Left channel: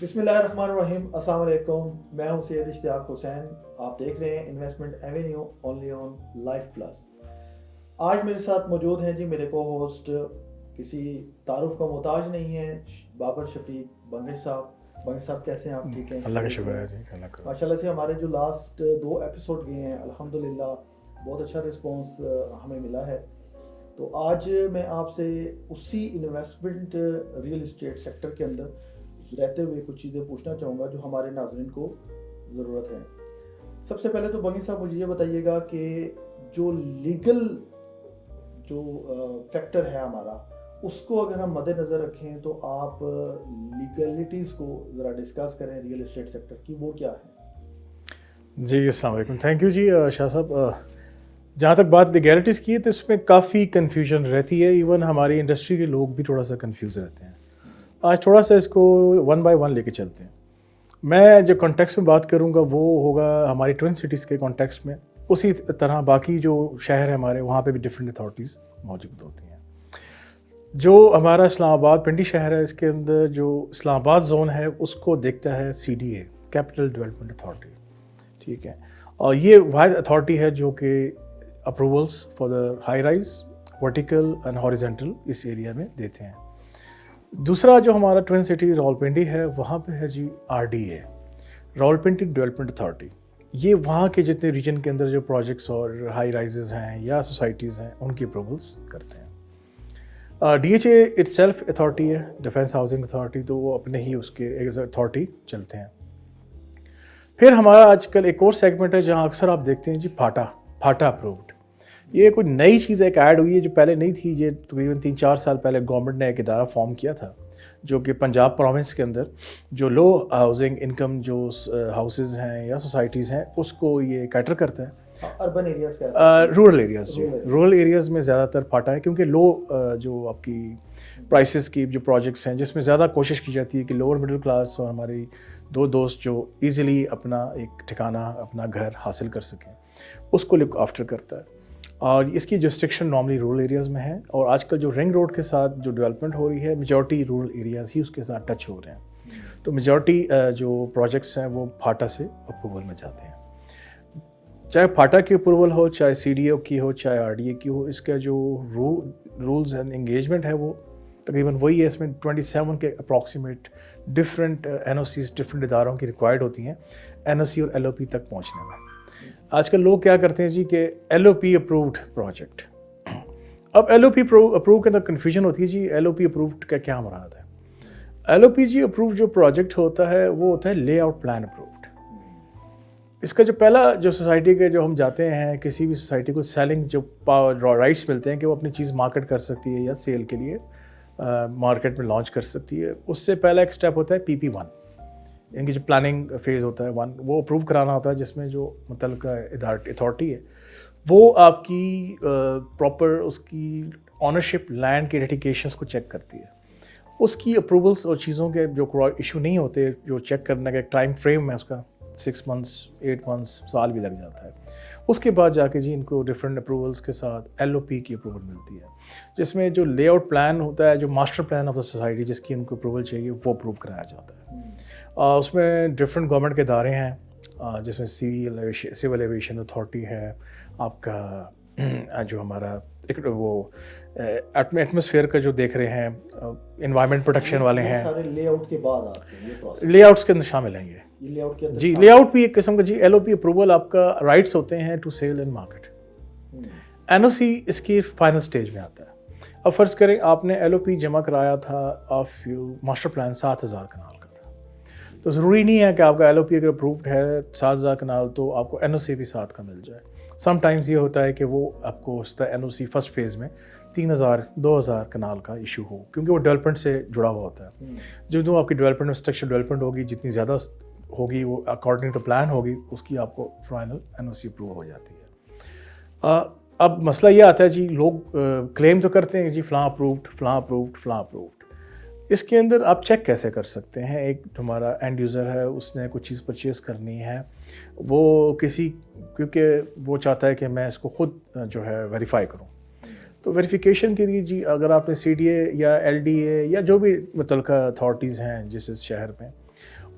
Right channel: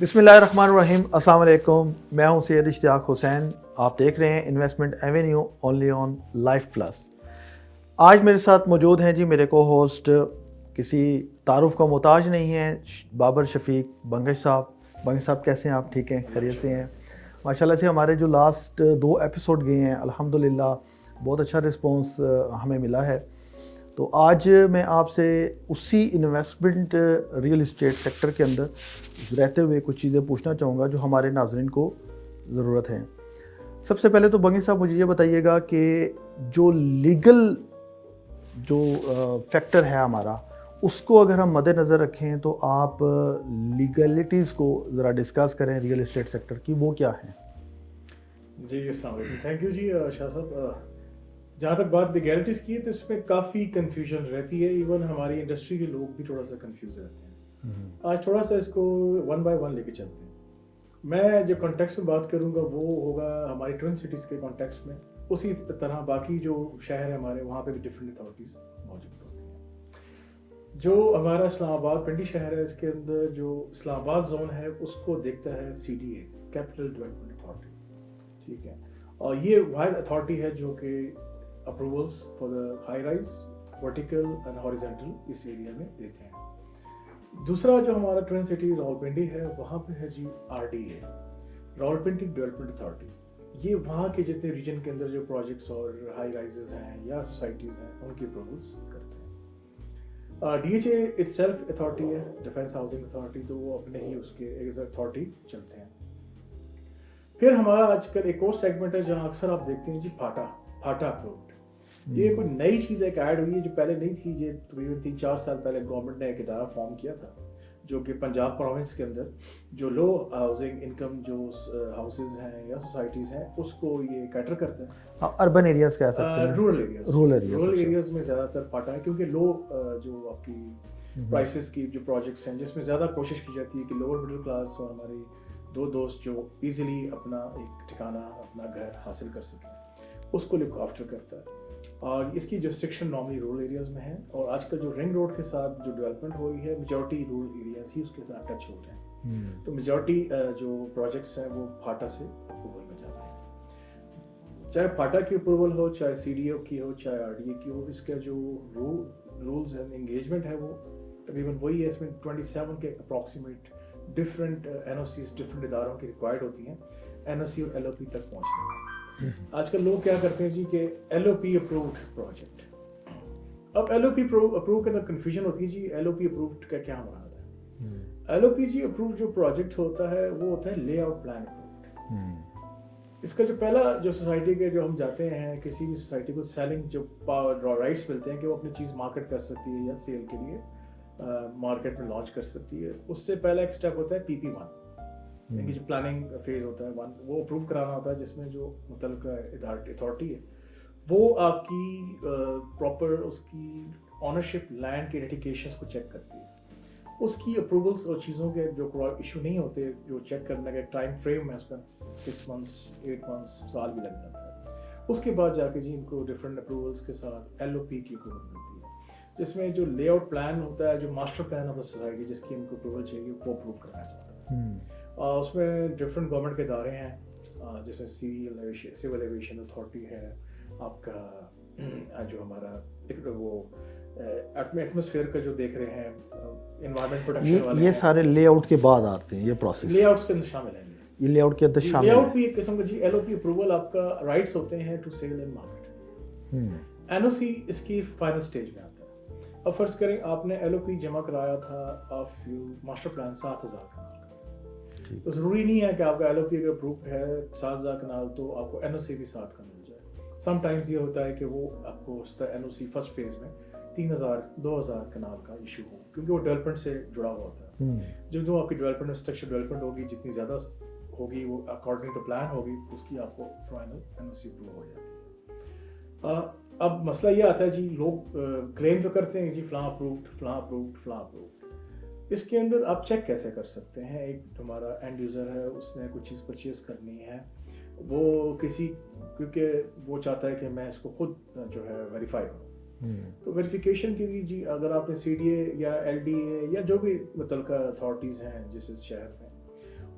بسم اللہ الرحمن الرحیم. السلام علیکم. میں ہوں سید اشتیاق حسین. آپ دیکھ رہے ہیں investment avenue only on life plus. آج میرے ساتھ موجود ہیں جی میرے کو ہوسٹ، کسی تعارف کا محتاج نہیں ہیں، بابر شفیق بنگش صاحب. بنگش صاحب کیسے ہیں آپ؟ ٹھیک ہیں؟ ماشاء اللہ سے ہمارے جو لاسٹ 2 ایپیسوڈ گئے ہیں الحمدللہ بہت اچھا رسپانس ہمیں ملا ہے. تو آج میں آپ سے اسی انویسٹمنٹ ریئل اسٹیٹ سیکٹر کے اندر رہتے ہوئے کچھ چیزیں پوچھنا چاہوں گا جو ہمارے ناظرین کو ضرورت ہے. سب سے پہلے تو بنگی صاحب مجھے یہ بتائیے گا کہ جو لیگل جو فیکٹر ہے ہمارا، اس کو اگر ہم مد نظر رکھیں تو آپ لیگلٹیز کو ذرا ڈسکس کریں ریئل اسٹیٹ سیکٹر کی، وہ کیا ہیں؟ جی السلام علیکم. تھینک یو جی شاہ صاحب. جہاں تک بات لیگیلٹیز کی ہے تو اس میں کافی کنفیوژن رہتی ہے. ایون ہماری انڈسٹری کے لوگ بھی تھوڑا سا کنفیوز رہتے ہیں. آج تھوڑا سا اس کو 1 بائی 1 لے کے چلتے ہیں. میں جو کانٹیکس میں بات کروں گا وہ ہوگا ہماری ٹوئن سٹیز کے کانٹیکس میں. اسی طرح باقی جو شہر ہیں ہمارے، وہاں پہ بھی ڈفرینٹ اتھارٹیز موجود ہوتی ہیں. جو ہمارا اسلام آباد پنڈی شہر ہے، اس کے اندر جو اسلام آباد زون ہے اس کو دیکھتا ہے CDA، کیپٹل ڈیولپمنٹ اتھارٹی. ٹھیک ہے، اور یہ واحد اتھارٹی ہے جو کہ approvals for the high rise, vertical and horizontal اس ایریا میں دیتے ہیں. دوسرا جو ہمارا ٹوئن سٹی راولپنڈی ہے، وہاں پہ ہے جی RDA، راولپنڈی ڈیولپمنٹ اتھارٹی. یہ وہاں کے جتنے ریجن کے اندر جو پروجیکٹس اور ہائی رائزز ہیں یا سوسائٹیز ہیں ان کی اپروولس کرتے ہیں. DHA اٹ سیلف اتھارٹی ہے، ڈیفینس ہاؤسنگ اتھارٹی، تو وہ اپنے ہی اس کے ایز اتھارٹی چلتے ہیں. پھر ہمارا آج کل ایک اور سیگمنٹ ہے جہاں اکثر آپ دیکھتے ہیں جی پھاٹا اپرووڈ. یہ کوئی نئی چیز ایک ایڈ ہوئی ہے جو پہلے نہیں تھی. یہ تقریباً 3-4 سال پہلے گورنمنٹ نے ایک ادارہ فارم کیا تھا جو کہ پنجاب پروونس کے اندر جو لو ہاؤسنگ انکم جو ہاؤسز ہیں یا سوسائٹیز ہیں اس کو یہ کیٹر کرتا ہے. اربن ایریاز کا، رورل ایریاز میں زیادہ تر پھاٹا ہے، کیونکہ لو جو آپ کی پرائسز کی جو پروجیکٹس ہیں جس میں زیادہ کوشش کی جاتی ہے کہ لوور مڈل کلاس اور ہماری دو دوست جو ایزیلی اپنا ایک ٹھکانہ، اپنا گھر حاصل کر سکیں، اس کو لک آفٹر کرتا ہے. اور اس کی جسٹرکشن نارملی رورل ایریاز میں ہے. اور آج کل جو رنگ روڈ کے ساتھ جو ڈیولپمنٹ ہو رہی ہے، میجورٹی رورل ایریاز ہی اس کے ساتھ ٹچ ہو رہے ہیں. تو میجورٹی جو پروجیکٹس ہیں وہ پھاٹا سے اپروول میں جاتے ہیں. چاہے پھاٹا کی اپروول ہو، چاہے CDA کی ہو، چاہے RDA کی ہو، اس کا جو رولز اینڈ انگیجمنٹ ہے وہ تقریباً وہی ہے. اس میں 27 کے اپروکسیمیٹ ڈفرینٹ NOCs ڈفرینٹ اداروں کی ریکوائرڈ ہوتی ہیں NOC اور LOP تک پہنچنے میں. آج کل لوگ کیا کرتے ہیں جی کہ LOP اپرووڈ پروجیکٹ. اب LOP اپروو کے اندر کنفیوژن ہوتی ہے جی LOP اپرووڈ کا کیا مراد ہے. LOP جی اپرووڈ جو پروجیکٹ ہوتا ہے وہ ہوتا ہے لے آؤٹ پلان اپرووڈ. اس کا جو پہلا جو سوسائٹی کے جو ہم جاتے ہیں، کسی بھی سوسائٹی کو سیلنگ جو رائٹس ملتے ہیں کہ وہ اپنی چیز مارکیٹ کر سکتی ہے یا سیل کے لیے مارکیٹ میں لانچ کر سکتی ہے، اس سے پہلا ایک سٹیپ ہوتا ہے PP1، یعنی کہ جو پلاننگ فیز ہوتا ہے 1، وہ اپروو کرانا ہوتا ہے، جس میں جو متعلقہ اتھارٹی ہے وہ آپ کی پراپر اس کی آنرشپ لینڈ کے ریٹیکیشنس کو چیک کرتی ہے. اس کی اپروولس اور چیزوں کے جو ایشو نہیں ہوتے، جو چیک کرنے کا ایک ٹائم فریم ہے اس کا 6 months 8 months سال بھی لگ جاتا ہے. اس کے بعد جا کے جی ان کو ڈفرینٹ اپروولس کے ساتھ LOP کی اپروول ملتی ہے، جس میں جو لے آؤٹ پلان ہوتا ہے، جو master plan of the society جس کی ان کو اپروول چاہیے وہ اپروو کرایا جاتا ہے. اس میں ڈفرینٹ گورنمنٹ کے ادارے ہیں، جس میں سول ایویشن اتھارٹی ہے، آپ کا جو ہمارا ایک وہ ایٹماسفیئر کا جو دیکھ رہے ہیں، انوائرمنٹ پروٹیکشن والے ہیں. یہ سارے لے آؤٹ کے بعد آتے ہیں یہ پروسیس، لے آؤٹس کے اندر شامل ہیں. یہ لے آؤٹ کے اندر جی لے آؤٹ بھی ایک قسم کا جی LOP اپروول آپ کا رائٹس ہوتے ہیں to sell and market. NOC اس کی فائنل سٹیج میں آتا ہے. اب فرض کریں آپ نے LOP جمع کرایا تھا آف یو ماسٹر پلان 7000 کنال کا تھا، تو ضروری نہیں ہے کہ آپ کا LOP اگر اپرووڈ ہے 7000 کنال تو آپ کو NOC بھی 7 کا مل جائے. سم ٹائمز یہ ہوتا ہے کہ وہ آپ کو NOC فرسٹ فیز میں 3000-2000 کنال کا ایشو ہو، کیونکہ وہ ڈیولپمنٹ سے جڑا ہوا ہوتا ہے. جو آپ کی ڈیولپمنٹ اسٹرکچر ڈیولپمنٹ ہوگی، جتنی زیادہ ہوگی وہ اکارڈنگ ٹو پلان ہوگی، اس کی آپ کو فائنل NOC اپروو ہو جاتی ہے. اب مسئلہ یہ آتا ہے جی، لوگ کلیم تو کرتے ہیں جی فلاں اپرووڈ فلاں اپرووڈ فلاں اپرووڈ. اس کے اندر آپ چیک کیسے کر سکتے ہیں؟ ایک ہمارا اینڈ یوزر ہے، اس نے کوئی چیز پرچیز کرنی ہے، وہ کیونکہ وہ چاہتا ہے کہ میں اس کو خود جو ہے ویریفائی کروں. تو ویریفیکیشن کے لیے جی اگر آپ نے CDA یا LDA یا جو بھی متعلقہ اتھارٹیز ہیں جس شہر میں،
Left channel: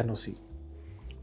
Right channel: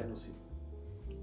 NOC।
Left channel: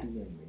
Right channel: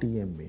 TMA,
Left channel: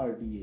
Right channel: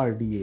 RDA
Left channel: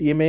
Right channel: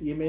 TMA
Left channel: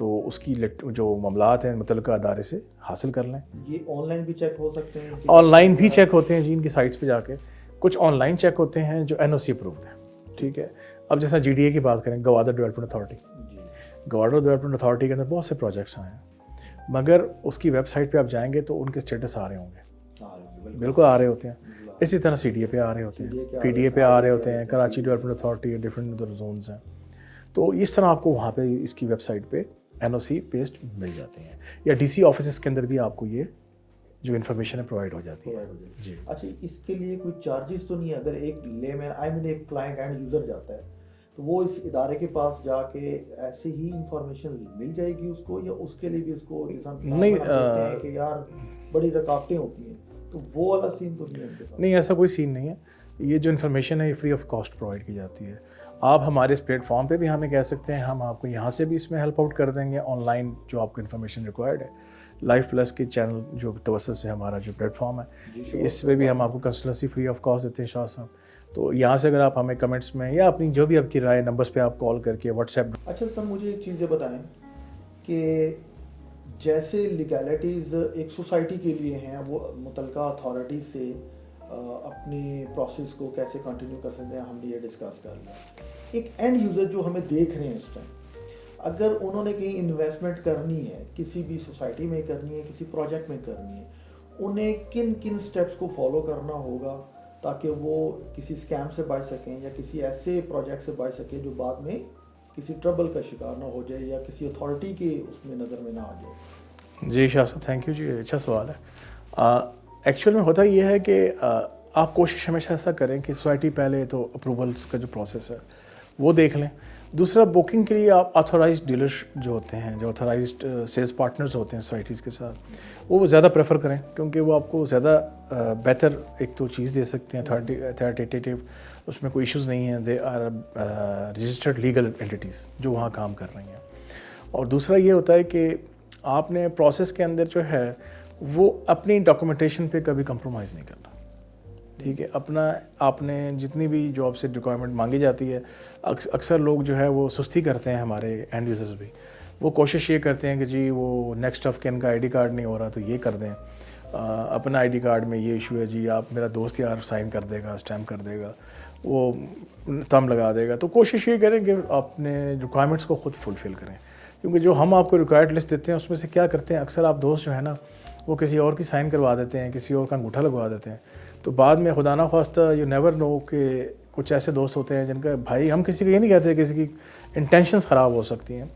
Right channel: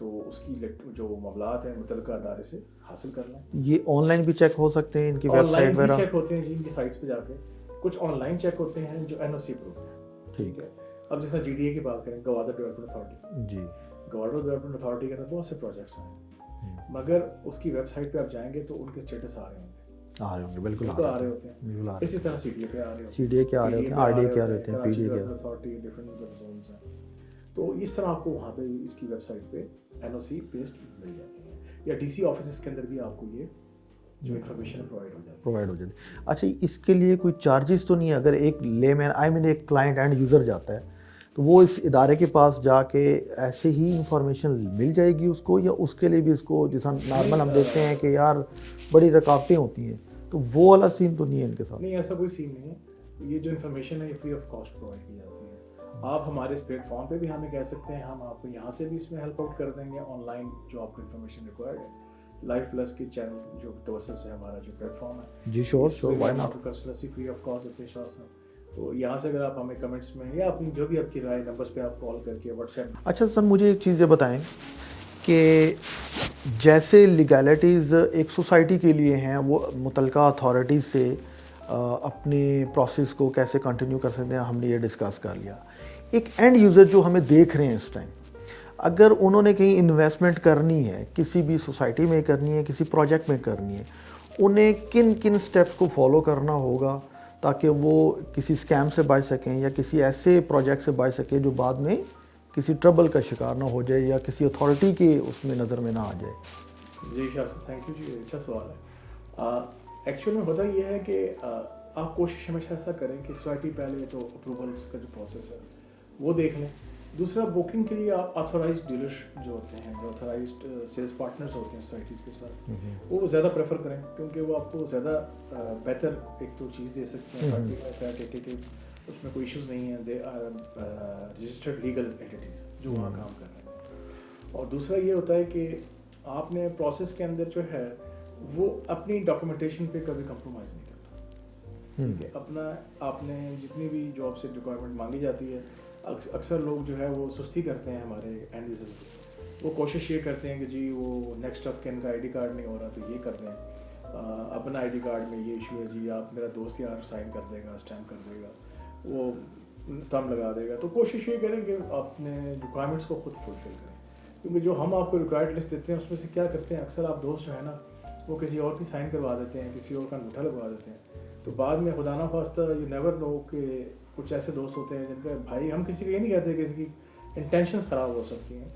تو اس کی جو معاملات ہیں متعلقہ ادارے سے حاصل کر لیں. یہ آن لائن بھی چیک ہو سکتے ہیں ان کی آن لائن بھی چیک ہوتے ہیں جی ان کی سائٹس پہ جا کے. کچھ آن لائن چیک ہوتے ہیں جو NOC اپرووڈ ہیں. ٹھیک ہے. اب جیسا GDA کی بات کریں, گوادر ڈیولپمنٹ اتھارٹی, جی گوادر ڈیولپمنٹ اتھارٹی کے اندر بہت سے پروجیکٹس آئے ہیں, مگر اس کی ویب سائٹ پہ آپ جائیں گے تو ان کے اسٹیٹس آ رہے ہوں گے, بالکل آ رہے ہوتے ہیں. اسی طرح CDA پہ آ رہے ہوتے ہیں, PDA پہ آ رہے ہوتے ہیں, Karachi development authority, different zones ہیں. تو اس طرح آپ کو وہاں پہ اس کی ویب سائٹ پہ NOC پیسٹ مل جاتے ہیں, یا DC آفیسز کے اندر بھی آپ کو یہ جو انفارمیشن ہے پرووائڈ ہو جاتی ہے. اچھا, اس کے لیے کوئی چارجز تو نہیں ہے؟ اگر ایک لے مین ایک کلائنٹ اینڈ یوزر جاتا ہے تو وہ اس ادارے کے پاس جا کے ایسے ہی انفارمیشن مل جائے گی اس کو, یا اس کے لیے بھی اس کو جیسا نارمل ہم دیکھتے ہیں کہ یار بڑی رکاوٹیں ہوتی ہیں, تو وہ والا سین تو نہیں ہے ان کے ساتھ؟ نہیں, ایسا کوئی سین نہیں ہے. یہ جو انفارمیشن ہے یہ فری آف کاسٹ پرووائڈ کی جاتی ہے. آپ ہمارے اس پلیٹ فارم پہ بھی ہمیں کہہ سکتے ہیں, ہم آپ کو یہاں سے بھی اس میں ہیلپ آؤٹ کر دیں گے آن لائن جو آپ کو انفارمیشن ریکوائرڈ ہے. لائف پلس کے چینل جو توسط سے ہمارا جو پلیٹ فارم ہے جی اس پہ بھی ہم آپ کو کنسلٹنسی فری آف کاسٹ دیتے ہیں شاہ صاحب. تو یہاں سے اگر آپ ہمیں کمنٹس میں یا اپنی جو بھی آپ کی رائے نمبرس پہ آپ کال کر کے واٹس ایپ. اچھا سر, مجھے ایک چیز یہ بتائیں کہ جیسے لیگیلٹیز ایک سوسائٹی کے لیے ہیں, وہ متعلقہ اتھارٹیز سے اپنے پروسیس کو کیسے کنٹینیو کر سکتے ہیں, ہم نے یہ ڈسکس کر لیا. ایک اینڈ یوزر جو ہمیں دیکھ رہے ہیں اس ٹائم, اگر انہوں نے کہیں انویسٹمنٹ کرنی ہے, کسی بھی سوسائٹی میں کرنی ہے, کسی پروجیکٹ میں کرنی ہے, انہیں کن کن سٹیپس کو فالو کرنا ہوگا تاکہ وہ کسی اسکیم سے بچ سکیں یا کسی ایسے پروجیکٹ سے بچ سکیں جو بعد میں کسی ٹربل کا شکار نہ ہو جائے یا کسی اتھارٹی کے اس میں نظر میں نہ آ جائے؟ جی شاہ صاحب, تھینک یو جی, اچھا سوال ہے. ایکچوئل میں ہوتا یہ ہے کہ آپ کوشش ہمیشہ ایسا کریں کہ سوسائٹی پہلے تو اپروولس کا جو پروسیس ہے وہ دیکھ لیں. دوسرا, بکنگ کے لیے آپ آتھورائزڈ ڈیلر جو ہوتے ہیں, جو آتھورائزڈ سیلس پارٹنرز ہوتے ہیں سوسائٹیز کے ساتھ, وہ زیادہ پریفر کریں, کیونکہ وہ آپ کو زیادہ بہتر ایک تو چیز دے سکتے ہیں اتھارٹیٹیو, اس میں کوئی ایشوز نہیں ہیں. دے آر رجسٹرڈ لیگل اینٹیٹیز جو وہاں کام کر رہی ہیں. اور دوسرا یہ ہوتا ہے کہ آپ نے پروسیس کے اندر جو ہے وہ اپنی ڈاکومنٹیشن پہ کبھی کمپرومائز نہیں کرنا. ٹھیک ہے, اپنا آپ نے جتنی بھی جو آپ سے ریکوائرمنٹ مانگی جاتی ہے, اکثر لوگ جو ہے وہ سستی کرتے ہیں, ہمارے اینڈ یوزرز بھی وہ کوشش یہ کرتے ہیں کہ جی وہ نیکسٹ آف کن کا ID کارڈ نہیں ہو رہا تو یہ کر دیں, اپنا ID کارڈ میں یہ ایشو ہے جی, آپ میرا دوست یار سائن کر دے گا, اسٹیمپ کر دے گا, وہ تم لگا دے گا. تو کوشش یہ کریں کہ اپنے ریکوائرمنٹس کو خود فلفل کریں, کیونکہ جو ہم آپ کو ریکوائرڈ لسٹ دیتے ہیں اس میں سے کیا کرتے ہیں اکثر آپ دوست جو ہے نا وہ کسی اور کی سائن کروا دیتے ہیں, کسی اور کا انگوٹھا لگوا دیتے ہیں. تو بعد میں خدا نہ خواستہ یو نیور نو کہ کچھ ایسے دوست ہوتے ہیں جن کا بھائی, ہم کسی کو یہ نہیں کہتے کسی کی انٹینشنس خراب ہو سکتی ہیں,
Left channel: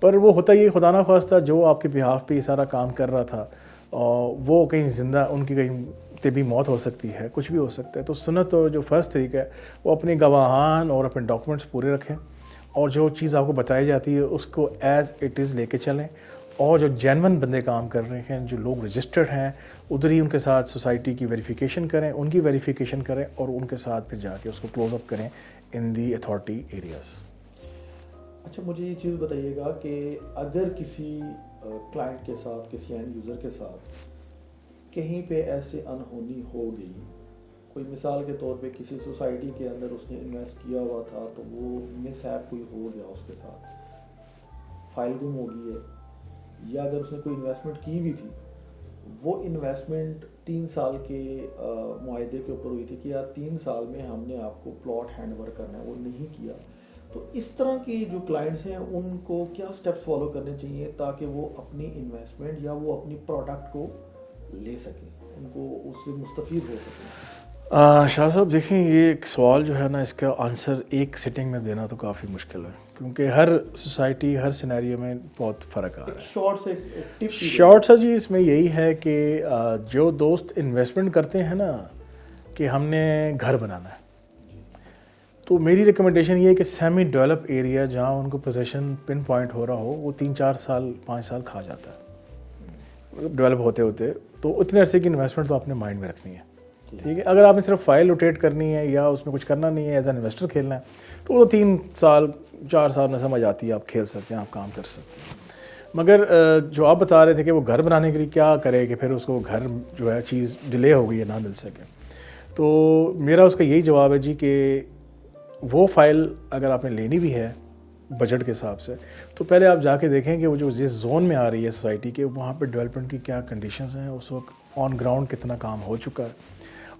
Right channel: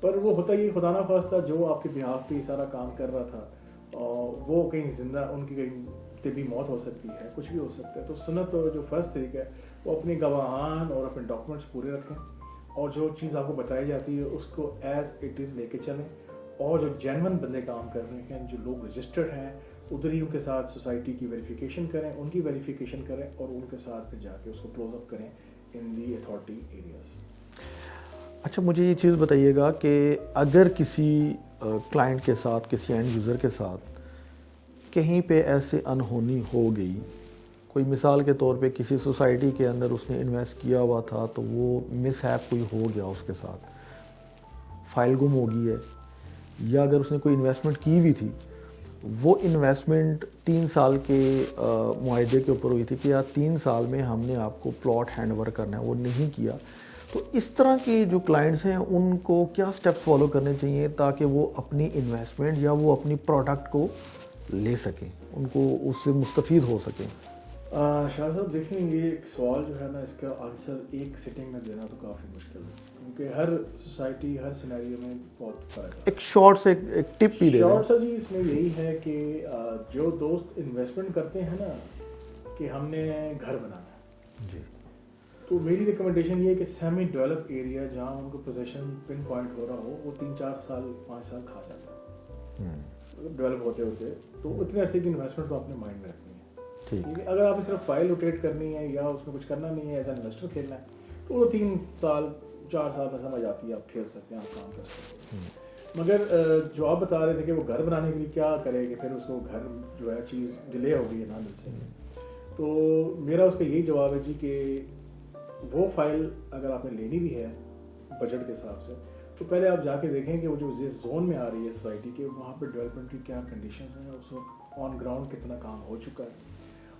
پر وہ ہوتا یہ خدا نہ خواستہ جو آپ کے بہاف پہ یہ سارا کام کر رہا تھا وہ کہیں زندہ, ان کی کہیں طبی موت ہو سکتی ہے, کچھ بھی ہو سکتا ہے. تو سنت اور جو فرسٹ طریقہ ہے وہ اپنی گواہان اور اپنے ڈاکومنٹس پورے رکھیں, اور جو چیز آپ کو بتائی جاتی ہے اس کو ایز اٹ از لے کے چلیں, اور جو جینون بندے کام کر رہے ہیں, جو لوگ رجسٹرڈ ہیں, ادھر ہی ان کے ساتھ سوسائٹی کی ویریفیکیشن کریں, ان کی ویریفیکیشن کریں, اور ان کے ساتھ پھر جا کے اس کو کلوز اپ کریں ان دی اتھارٹی ایریاز. اچھا, مجھے یہ چیز بتائیے گا کہ اگر کسی کلائنٹ کے ساتھ, کسی اینڈ یوزر کے ساتھ کہیں پہ ایسے انہونی ہو گئی, کوئی مثال کے طور پہ کسی سوسائٹی کے اندر اس نے انویسٹ کیا ہوا تھا تو وہ مس ہیپ کوئی ہو گیا, اس کے ساتھ فائل گم ہو گئی ہے, یا اگر اس نے کوئی انویسٹمنٹ کی ہوئی تھی, وہ انویسٹمنٹ 3 سال کے معاہدے کے اوپر ہوئی تھی کہ یا 3 سال میں ہم نے آپ کو پلاٹ ہینڈ اوور کرنا ہے, وہ نہیں کیا, تو اس طرح کے جو کلائنٹس ہیں ان کو کیا سٹیپس فالو کرنے چاہیے تاکہ وہ اپنی انویسٹمنٹ یا وہ اپنی پروڈکٹ کو لے سکیں, ان کو اس سے مستفید ہو سکیں؟ شاہ صاحب دیکھیں, یہ ایک سوال جو ہے نا اس کا آنسر ایک سٹنگ میں دینا تو کافی مشکل ہے, کیونکہ ہر سوسائٹی ہر سینیریو میں بہت فرق ہے. ایک شارٹ سے ایک ٹپ شارٹ سا جی اس میں یہی ہے کہ جو دوست انویسٹمنٹ کرتے ہیں نا کہ ہم نے گھر بنانا ہے, تو میری ریکمنڈیشن یہ ہے کہ سیمی ڈیولپ ایریا جہاں ان کو پوزیشن پن پوائنٹ ہو رہا ہو, وہ 3-4 سال 5 سال کھا جاتا ہے ڈیولپ ہوتے ہوتے, تو اتنے عرصے کی انویسٹمنٹ تو آپ نے مائنڈ میں رکھنی ہے. ٹھیک ہے, اگر آپ نے صرف فائل روٹیٹ کرنی ہے یا اس میں کچھ کرنا نہیں ہے, ایز این انویسٹر کھیلنا ہے, تو وہ 3 سال 4 سال میں سمجھ آتی ہے, آپ کھیل سکتے ہیں, آپ کام کر سکتے ہیں. مگر جو آپ بتا رہے تھے کہ وہ گھر بنانے کے لیے کیا کرے کہ پھر اس کو گھر جو ہے چیز ڈیلے ہو گئی ہے, نہ مل سکے, تو میرا اس کا یہی جواب ہے جی کہ وہ فائل اگر آپ نے لینی بھی ہے بجٹ کے حساب سے. تو پہلے آپ جا کے دیکھیں کہ وہ جو جس زون میں آ رہی ہے سوسائٹی کے, وہاں پہ ڈیولپمنٹ کی کیا کنڈیشنز ہیں, اس وقت آن گراؤنڈ کتنا کام ہو چکا ہے,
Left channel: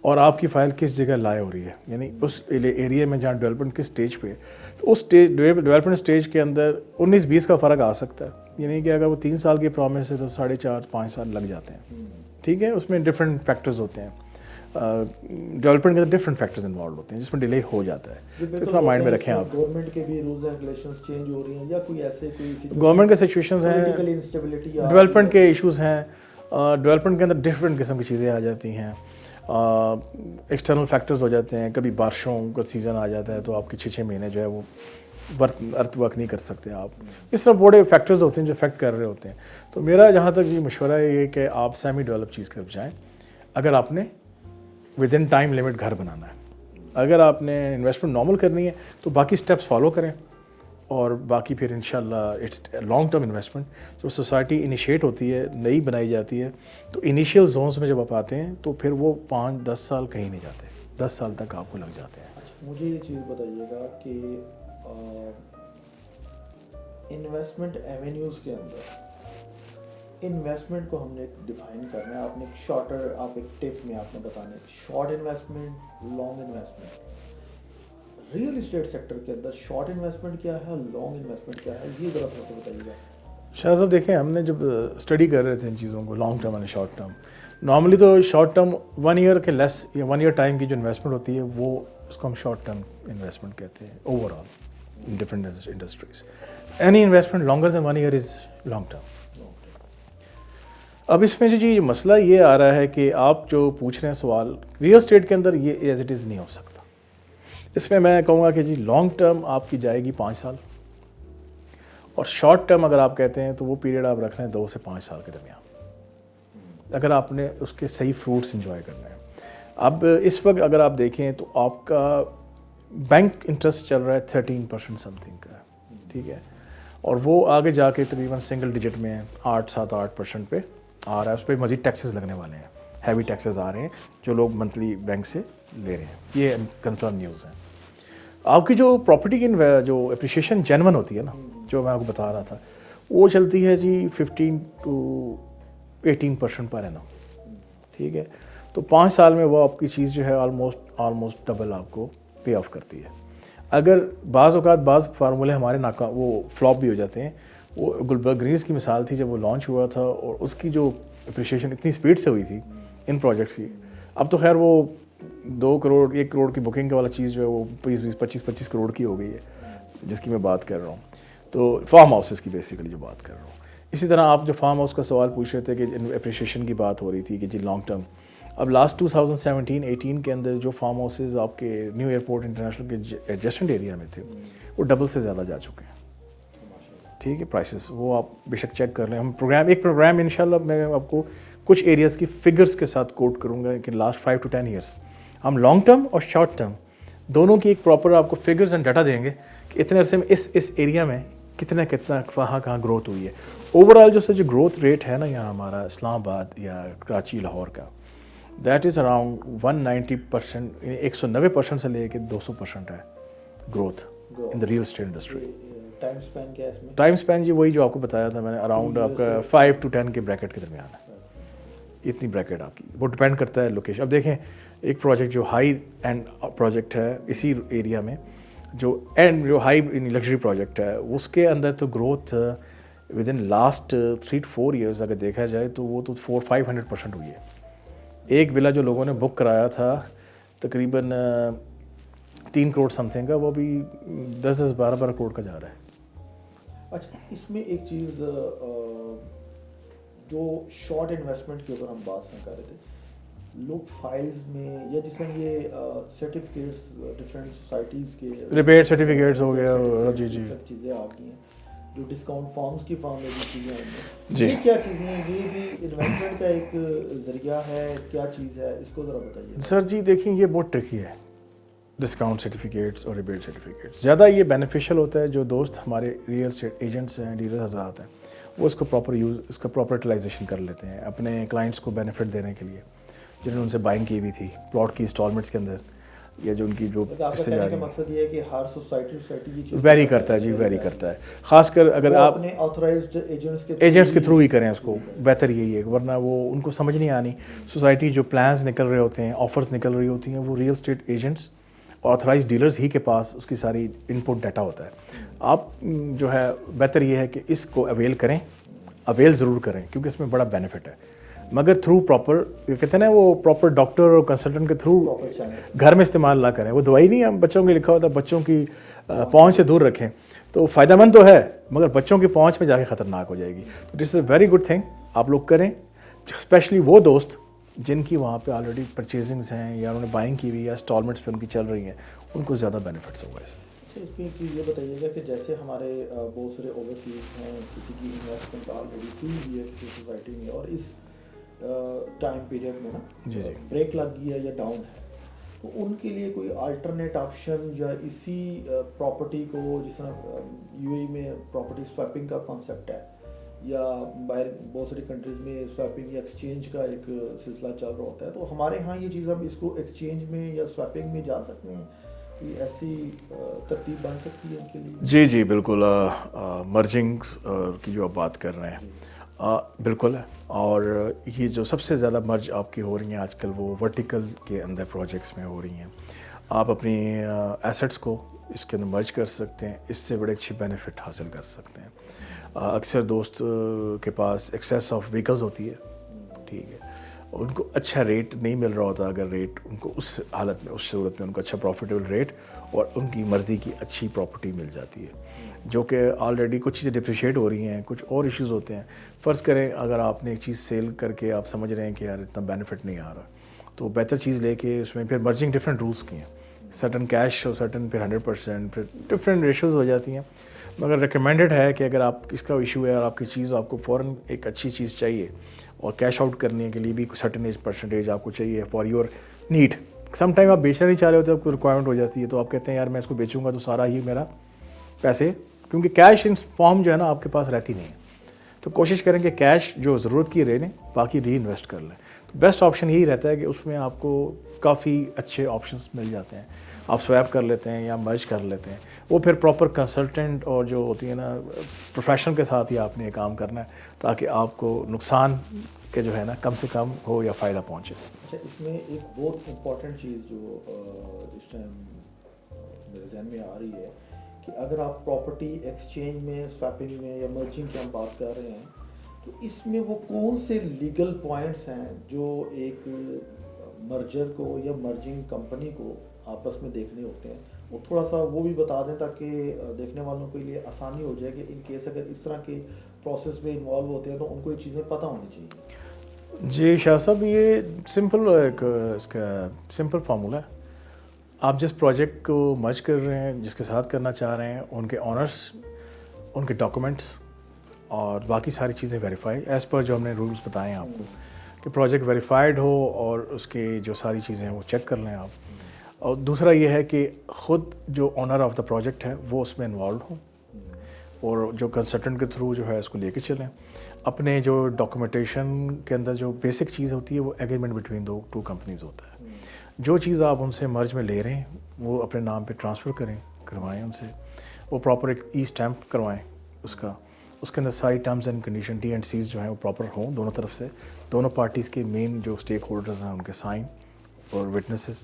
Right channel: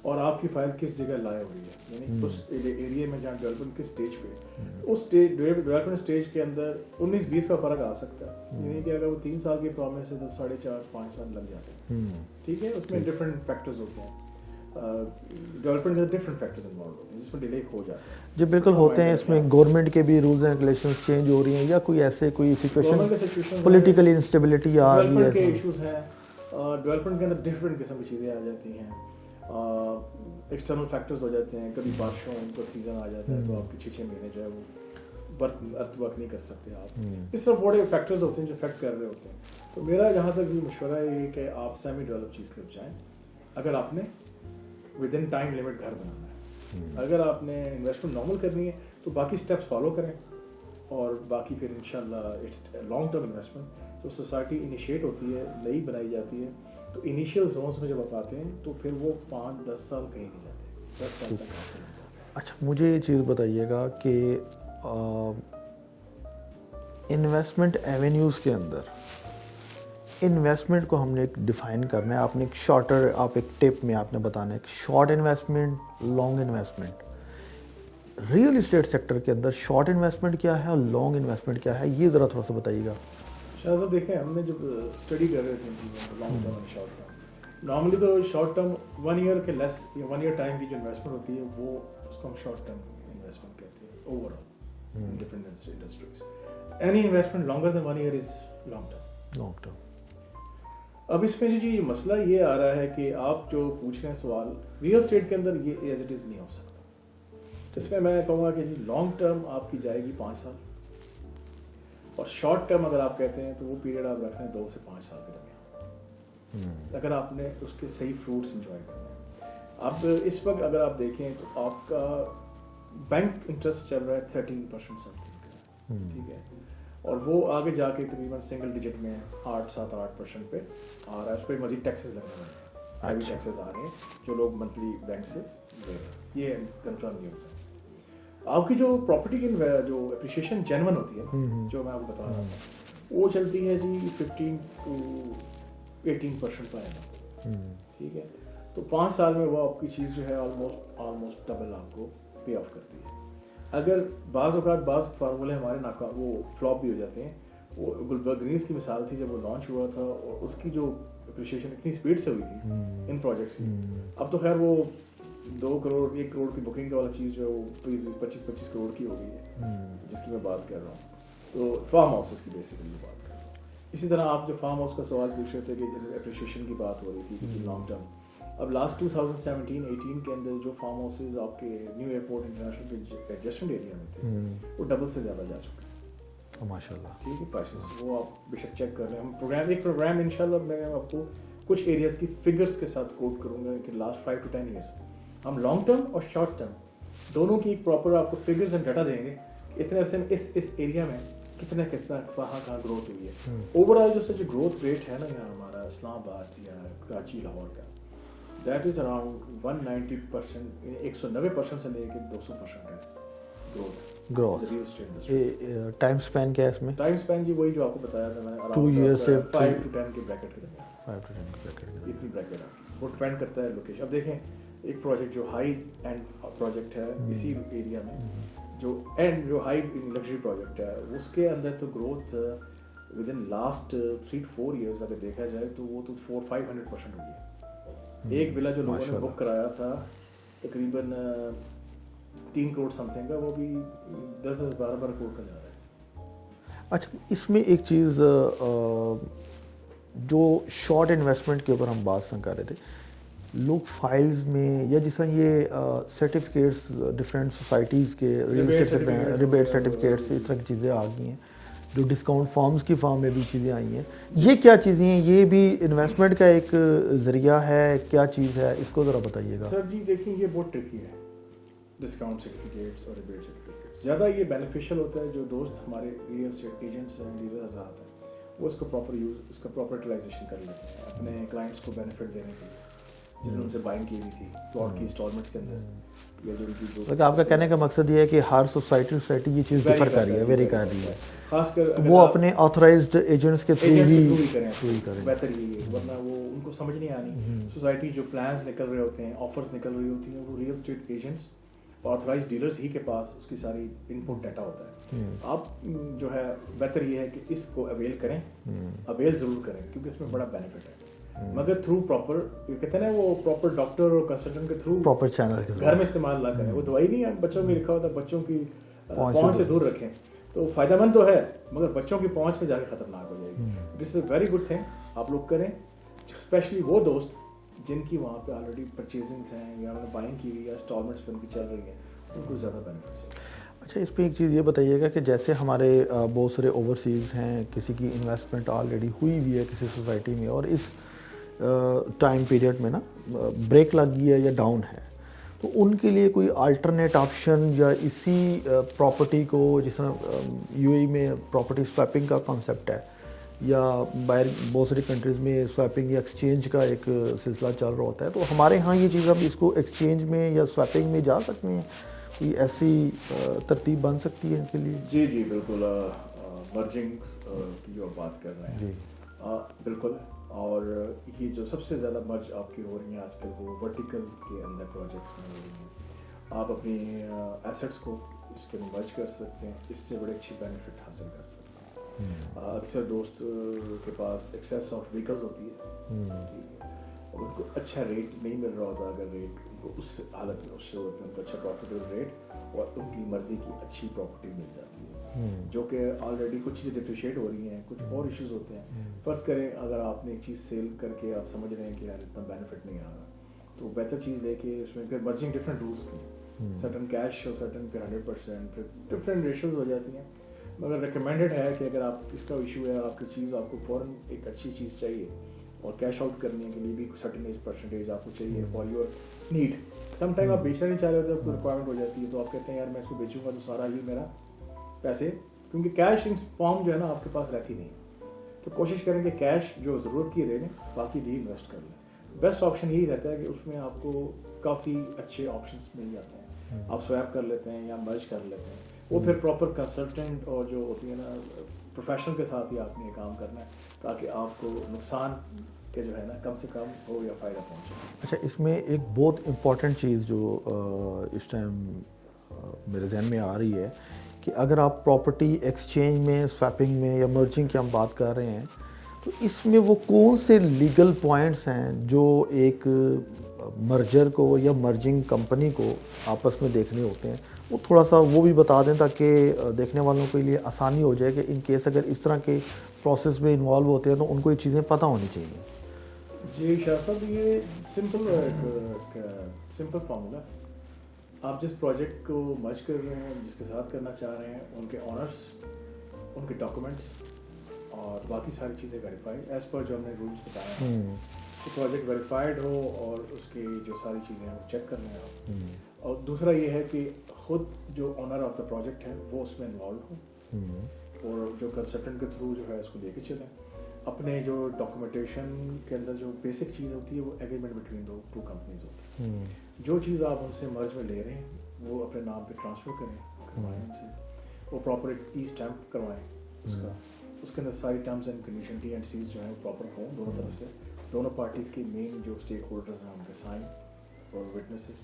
اور آپ کی فائل کس جگہ لائے ہو رہی ہے, یعنی اس ایریا میں جہاں ڈیولپمنٹ کس اسٹیج پہ ہے. تو اس ڈیولپمنٹ اسٹیج کے اندر 19-20 کا فرق آ سکتا ہے, یعنی کہ اگر وہ 3 سال کی پرومس ہے تو 4.5-5 سال لگ جاتے ہیں. ٹھیک ہے, اس میں ڈفرینٹ فیکٹرز ہوتے ہیں, ڈیولپمنٹ کے ڈفرینٹ فیکٹرز انوالو ہوتے ہیں جس میں ڈیلے ہو جاتا ہے. جی بالکل ہوتے ہیں, اس میں گورنمنٹ کے بھی رولز اینڈ ریگولیشنز چینج ہو رہی ہیں, یا کوئی ایسے کوئی گورنمنٹ کے سچویشن پولیٹیکل انسٹیبلٹی, ڈیولپمنٹ کے ایشوز ہیں, ڈیولپمنٹ کے اندر ڈفرینٹ قسم کی چیزیں آ جاتی ہیں, ایکسٹرنل فیکٹرز ہو جاتے ہیں, کبھی بارشوں کا سیزن آ جاتا ہے تو آپ کی 6 مہینے جو ہے وہ ارتھ ورک نہیں کر سکتے آپ. اس طرح بڑے فیکٹرز ہوتے ہیں جو افیکٹ کر رہے ہوتے ہیں. تو میرا جہاں تک مشورہ ہے یہ کہ آپ سیمی ڈیولپ چیز کی طرف جائیں اگر آپ نے ود ان ٹائم لمٹ گھر بنانا ہے. اگر آپ نے انویسٹمنٹ نارمل کرنی ہے تو باقی اسٹیپس فالو کریں, اور باقی پھر انشاءاللہ اٹس لانگ ٹرم انویسٹمنٹ. جو سوسائٹی انیشیٹ ہوتی ہے, نئی بنائی جاتی ہے, تو انیشیل زونس میں جب آپ آتے ہیں تو پھر وہ 5-10 سال کہیں نہیں جاتے, 10 سال تک آپ کو لگ جاتے ہیں. اچھا, مجھے یہ چیز بتائیے گا کہ انویسٹمنٹ ایونیوز کے اندر انویسٹمنٹ کو ہم نے ایک ڈیفائن کرنا ہے. آپ نے ایک شارٹر, آپ ایک ٹپ میں آپ نے بتانا ہے کہ short investment, long investment. Real estate sector کے اندر شارٹ انویسٹمنٹ کیا ہے اور لانگ انویسٹمنٹ کیا ہے, یہ ذرا تھوڑا سا بتائیے گا. شاہ صاحب دیکھیں, ہم نے جب اسٹڈی کر رہے تھے ان چیزوں کو, لانگ ٹرم اور شارٹ ٹرم, نارملی تو شارٹ ٹرم 1 ایئر کے لیس یا 1 ایئر ٹائم کی جو انویسٹمنٹ ہوتی ہے وہ اس کو ہم شارٹ ٹرم انویسٹمنٹ کہتے ہیں overall different industries. Any investment longer than 1 year is long term. اب اس میں جو جی مسئلہ یہ آ رہا ہے کہ آپ جو پوچھ رہے ہیں سوال, ریئل اسٹیٹ کے اندر یہ ایز اٹ از نہیں ہو سکتا. اس میں میں کہوں گا کہ جی لانگ ٹرم آپ کی جائے گی 5 سال, اور شارٹ ٹرم اگر آپ کہتے ہیں تو وہ پیریڈ آپ رکھ رہے ہیں 2 سے 5 سال کے درمیان, اگر آپ نے اس کے صحیح فروٹس انجوائے کرنا ہے. اب اس وقت اگر آپ دیکھیں تو آپ کا بینک انٹرسٹ چل رہا ہے 13% سم تھنگ کا, ٹھیک ہے, اور وہ آگے جا کے تقریباً سنگل ڈیجٹ میں 8-8% پہ آ رہا ہے. اس پہ مزید ٹیکسز لگنے والے ہیں, ہیوی ٹیکسز آ رہے ہیں جو لوگ منتھلی بینک سے لے رہے ہیں. یہ کنفرم نیوز ہے. آپ کی جو پراپرٹی کی جو اپریشیشن جینون ہوتی ہے نا, جو میں آپ کو بتا رہا تھا, وہ چلتی ہے جی 15-18% پر اینم, ٹھیک ہے. تو 5 سال میں وہ آپ کی چیز جو ہے آلموسٹ ڈبل آپ کو پے آف کرتی ہے. اگر بعض اوقات بعض فارمولے ہمارے ناکام, وہ فلاپ بھی ہو جاتے ہیں. وہ گلبرگ گریز کی مثال تھی جب وہ لانچ ہوا تھا, اور اس کی جو اپریشیشن اتنی اسپیڈ سے ہوئی تھی ان پروجیکٹس کی. اب تو خیر وہ 2 کروڑ 1 کروڑ کی بکنگ والا چیز جو ہے وہ 20-25 کروڑ کی ہو گئی ہے, جس کی میں بات کر رہا ہوں. تو فارم ہاؤسز کی بیسیکلی جو بات کر رہا ہوں. اسی طرح آپ جو فارم ہاؤس کا سوال پوچھ رہے تھے کہ اپریشیشن کی بات ہو رہی تھی کہ جی لانگ ٹرم, اب لاسٹ 2017-18 کے اندر جو فارم ہاؤسز آپ کے نیو ایئرپورٹ انٹرنیشنل کے ایڈجسٹنٹ ایریا میں تھے وہ ڈبل سے زیادہ جا چکے ہیں ماشاء اللہ. ٹھیک ہے, پرائسز وہ آپ بے شک چیک کر لیں. ہم ایک پروگرام انشاءاللہ میں آپ کو کچھ ایریاز کی فگرز کے ساتھ کوٹ کروں گا کہ لاسٹ 5 to 10 ایئرس ہم لانگ ٹرم اور شارٹ ٹرم دونوں کی ایک پراپر آپ کو فگرز اینڈ ڈاٹا دیں گے کہ اتنے عرصے میں اس ایریا میں کتنا کہاں گروتھ ہوئی ہے. اوور آل جو گروتھ ریٹ ہے نا یہاں ہمارا اسلام آباد یا کراچی لاہور کا, دیٹ از اراؤنڈ 190%, 190% سے لے کے 200% ہے growth in real estate industry. Time span کیا ہے اس میں؟ ٹائم اسپین جی وہی جو آپ کو بتایا تھا میں نے, اراؤنڈ 5 to 10 کے بریکٹ کے درمیان ہے. اتنی بریکٹ آپ کی, وہ ڈپینڈ کرتا ہے لوکیشن. اب دیکھیں ایک پروجیکٹ جو ہائی اینڈ پروجیکٹ ہے اسی ایریا میں, جو ہائی لگژری پروجیکٹ ہے, اس کے اندر تو growth with in last 3 to 4 years اگر دیکھا جائے تو وہ تو 400-500% ہوئی ہے. ایک ولا جو لوگوں نے بک کرایا تھا تقریباً 3 کروڑ سم تھنگ کا, وہ بھی 10-12 کروڑ کا جا رہا ہے. اچھا, اس میں ایک چیز جو شارٹ انویسٹمنٹ کے اوپر ہم بات کر رہے تھے, لوگ فائلز میں یا جس طرح یہ سرٹیفکیٹس ڈفرینٹ سوسائٹیز کے ریبیٹ سرٹیفکیٹس ہو گیا, اس طرح چیزیں آ گئی ہیں, جو ڈسکاؤنٹ فارمز کی فارم میں بھی چیزیں آئی ہیں, یہ کیا چیزیں ہیں؟ یہ بھی انویسٹمنٹ کا ایک ذریعہ ہے, کیا چیز ہے, اس کو ذرا بتائیے گا. سر جی دیکھیں یہ بہت ٹرکی ہے, ڈسکاؤنٹ سرٹیفکیٹس اور ریبیٹ سرٹیفکیٹس. زیادہ یہ بینیفیشیل ہوتا ہے جو دوست ہمارے ریئل اسٹیٹ ایجنٹس ہیں, ڈیلر حضرات ہیں, وہ اس کو پراپر اس کا پراپر یوٹیلائزیشن کر لیتے ہیں اپنے کلائنٹس کو بینیفٹ دینے کے لیے, جنہوں نے ان سے بائنگ کی ہوئی تھی پلاٹ کی انسٹالمنٹس کے اندر. یا جو ان کی جو آپ کا کہنے کا مقصد یہ ہے کہ ہر سوسائٹی یہ چیز ویری کرتا ہے جی، ویری کرتا ہے، خاص کر اگر آپ اپنے آتھرائزڈ ایجنٹس کے تھرو ہی کریں اس کو، بہتر یہی ہے، ورنہ وہ ان کو سمجھ نہیں آنی. سوسائٹی جو پلانز نکل رہے ہوتے ہیں، آفرز نکل رہی ہوتی ہیں، وہ ریئل اسٹیٹ ایجنٹس اور آتھرائزڈ ڈیلرز ہی کے پاس اس کی ساری ان پٹ ڈیٹا ہوتا ہے. آپ جو ہے بہتر یہ ہے کہ اس کو اویل کریں، اویل ضرور کریں کیونکہ اس میں بڑا بینیفٹ ہے، مگر تھرو پراپر، کہتے ہیں نا وہ پراپر ڈاکٹر اور کنسلٹنٹ کے تھرو پراپر چینل گھر میں استعمال نہ کریں. وہ دوائی نہیں ہے بچوں کے لکھا ہوتا ہے بچوں کی پہنچ سے دور رکھیں، تو فائدہ مند تو ہے مگر بچوں کی پہنچ میں جا کے خطرناک ہو جائے گی. دس از اے ویری گڈ تھنگ آپ لوگ کریں، اسپیشلی وہ دوست جن کی وہاں پہ آلریڈی پرچیزنگس ہیں یا انہوں نے بائنگ کی ہوئی یا انسٹالمنٹس پہ ان کی چل رہی ہیں، ان کو زیادہ بینیفٹس ہوگا. اچھا، اس پہ ایک چیز یہ بتائیے گا کہ جیسے ہمارے بہت سارے اوورسیز ہیں، کسی کی انویسٹمنٹ آلریڈی ہوئی ہوئی ہے کسی سوسائٹی میں اور اس ٹائم پیریڈ میں نا بریک لگ گئی ہے یا ڈاؤن ہے، تو ان کے لیے کوئی الٹرنیٹ آپشن یا اسی پراپرٹی کو، جس طرح یو اے میں پراپرٹی سویپنگ کا کانسیپٹ ہے یا باہر بہت ساری کنٹریز میں سویپنگ یا ایکسچینج کا ایک سلسلہ چل رہا ہوتا ہے، تو ہمارے ہاں یہ چیز اب اس کو ایکسچینج میں یا سویپنگ میں جا سکتے ہیں؟ کوئی ایسی ترتیب بن سکتی ہے ان کے لیے؟ جی جی بالکل، مرجنگس کی جو آپ بات کر رہے ہیں بالکل ہے. اور یہ جو سب سے زیادہ مرج آپ کی ہو رہی ہیں آج کل وہ ورٹیکل کے اندر پروجیکٹس میں ہو رہی ہیں. آپ اپنی ایسٹس کو اس کے اندر مرج کر سکتے ہیں، اس سے بڑے اچھی بینیفٹ حاصل کر سکتے ہیں. اکثر دوست کے پاس ایکسیس آف وہیکلز ہوتی ہے، ٹھیک ہے، ان کو اچھا ریٹ نہیں مل رہا ہوتا. اگر ریٹ ان کو اس حالت میں، اس صورت میں ان کو اچھا پروفیٹیبل ریٹ اور ان کی مرضی کی اچھی پراپرٹی مل جاتی ہے، جو کہ آلریڈی کچھ چیزیں ڈپریشیٹ ہو رہی ہیں، کچھ اور ایشوز ہوتے ہیں. فرض کریں اگر آپ نے ایک چیز سیل کر کے آپ سمجھ رہے ہیں کہ یار اتنا بینیفٹ نہیں آ رہا، تو بہتر چیز لے کے اس میں پھر مرجنگ ڈفرینٹ رولس کی ہیں، سرٹن کیش اور سرٹن پھر 100%، پھر ڈفرینٹ ریشوز ہو جاتی ہیں. مگر ریکمینڈڈ ہے کہ اگر آپ اس کا ایشو ہے اور آپ کی چیز آپ کو فوراً ایک اچھی چیز چاہیے اور کیش آؤٹ کرنے کے لیے بھی سرٹن پرسنٹیج آپ کو چاہیے for your need. Some time آپ بیچنا نہیں چاہ رہے ہوتے، آپ کو ریکوائرمنٹ ہو جاتی ہے، تو آپ کہتے ہیں یار میں اس کو بیچوں گا تو سارا ہی میرا پیسے، کیونکہ کیش ان فارم جو ہے نا آپ کے پاس رہتی نہیں ہے، تو کوشش کریں کہ کیش جو ضرورت کی رہے لیں، باقی ری انویسٹ کر لیں. تو بیسٹ آپشن یہی رہتا ہے کہ اس میں آپ کو کافی اچھے آپشنس مل جاتے ہیں. آپ سویپ کر لیتے ہیں یا مرج کر لیتے ہیں، وہ پھر پراپر کنسلٹنٹ اور جو ہوتی ہے نا پروفیشنل کے ساتھ ہی آپ نے یہ کام کرنا ہے تاکہ آپ کو نقصان کے جو ہے نا کم سے کم ہو یا فائدہ پہنچے. اچھا، اس میں ایک بہت امپورٹنٹ چیز جو اس ٹائم میرے ذہن میں آ رہی ہے کہ اگر آپ پراپرٹی ایکسچینج میں، سویپنگ میں یا مرجنگ کی ہم بات کر رہے ہیں، تو اس میں وہ کون سے لیگل پوائنٹس ہیں جو ایک مرجر کو یا مرجنگ کمپنی کو آپس میں دیکھنے ہوتے ہیں، وہ تھوڑا سا وہ بھی بتا دیں تاکہ دیکھنے والوں کے لیے آسانی ہو جائے کہ ان کیس اگر اس طرح کے پروسیس میں انوالو ہوتے ہیں تو ان کو یہ چیزیں پتہ ہونی چاہیے. جی شاہ صاحب، یہ سمپل ایک اس کا سمپل فارمولہ ہے. آپ جس پروجیکٹ کو مرج کر رہے ہیں، جس کے ساتھ کرنا چاہ رہے ہیں، ان کے آنرس، ان کے ڈاکومنٹس اور باقی ساری چیزیں ویریفائی ایز پر جو ہم نے رولس بتائے ہیں آپ، کہ پروجیکٹ ویریفائڈ ہو اور اس کے جو ساری چیزیں ہیں وہ چیک کر لیں آپ. اور دوسرا یہ ہے کہ خود جو آنر آف دا پروجیکٹ ہے وہ اس میں انوالوڈ ہوں اور جو کنسلٹنٹ کے تھرو جو ہے اس کو لے کے چلیں. اپنے جو ڈاکومنٹیشن کے اندر جو بیسک چیز ہوتی ہے وہ ایگریمنٹ بٹوین ٹو کمپنیز ہوتا ہے. جو چیز آپ ان سے مرج میں لے رہے ہیں وہ اپنے نام پہ ٹرانسفر کروائیں ان سے، وہ پراپر ایک ای اسٹیمپ کروائیں اس کا، اس کے اندر ساری terms and condition T and Cs جو ہیں وہ پراپر ہوں دونوں طرف سے، دونوں پارٹیز کے مین جو اسٹیک ہولڈرز ہیں ان کے سائن اور وٹنسز،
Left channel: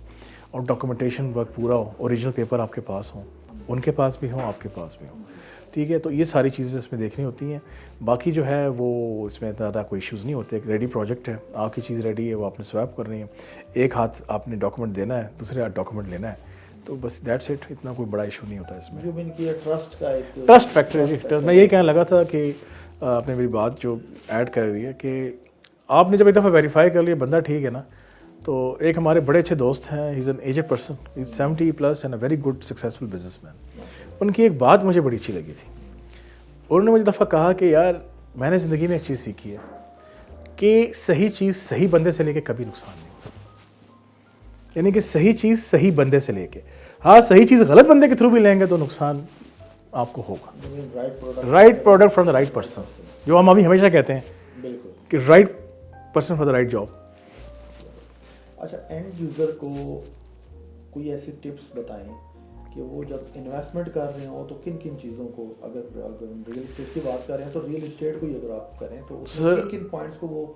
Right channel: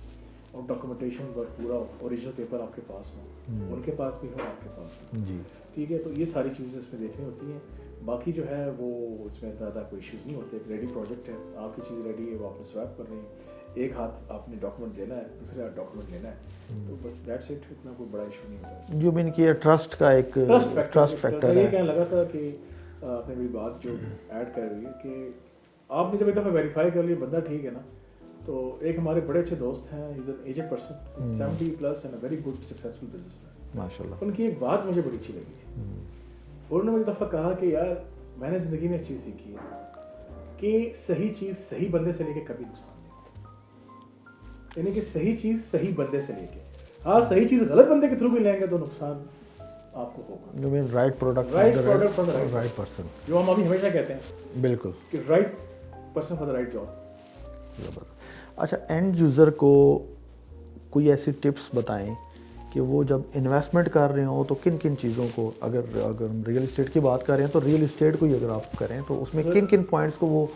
اور ڈاکومنٹیشن ورک پورا ہو، اوریجنل پیپر آپ کے پاس ہوں، ان کے پاس بھی ہوں، آپ کے پاس بھی ہوں. ٹھیک ہے، تو یہ ساری چیزیں اس میں دیکھنی ہوتی ہیں. باقی جو ہے وہ اس میں زیادہ کوئی ایشوز نہیں ہوتے. ایک ریڈی پروجیکٹ ہے، آپ کی چیز ریڈی ہے، وہ آپ نے سویپ کر رہی ہے، ایک ہاتھ آپ نے ڈاکومنٹ دینا ہے، دوسرے ہاتھ ڈاکومنٹ لینا ہے، تو بس دیٹس اٹ. اتنا کوئی بڑا ایشو نہیں ہوتا ہے اس میں. جو میں نے کیا ٹرسٹ کا ایک ٹرسٹ فیکٹر، میں یہ کہنے لگا تھا کہ آپ نے میری بات جو ایڈ کر دی ہے کہ آپ نے جب ایک دفعہ ویریفائی کر لیا بندہ ٹھیک ہے نا، تو ایک ہمارے بڑے اچھے دوست ہیں، he is an aged person, he is 70+ and a very good successful business man. ان کی ایک بات مجھے بڑی اچھی لگی تھی. انہوں نے مجھے دفعہ کہا کہ یار میں نے زندگی میں ایک چیز سیکھی ہے کہ صحیح چیز صحیح بندے سے لے کے کبھی نقصان نہیں ہوتا. یعنی کہ صحیح چیز صحیح بندے سے لے کے، ہاں صحیح چیز غلط بندے کے تھرو بھی لیں گے تو نقصان آپ کو ہوگا. Right product from the right person, جو ہم ابھی ہمیشہ کہتے ہیں بالکل کہ right person for the right job. اچھا، اینڈ یوزر کو کوئی ایسی ٹپس بتائیں کہ وہ جب انویسٹمنٹ کر رہے ہوں تو کن کن چیزوں کو, اگر ریئل اسٹیٹ کی بات کر رہے ہیں تو ریئل اسٹیٹ کو ہی اگر آپ کریں تو اس میں کن کن پوائنٹس کو وہ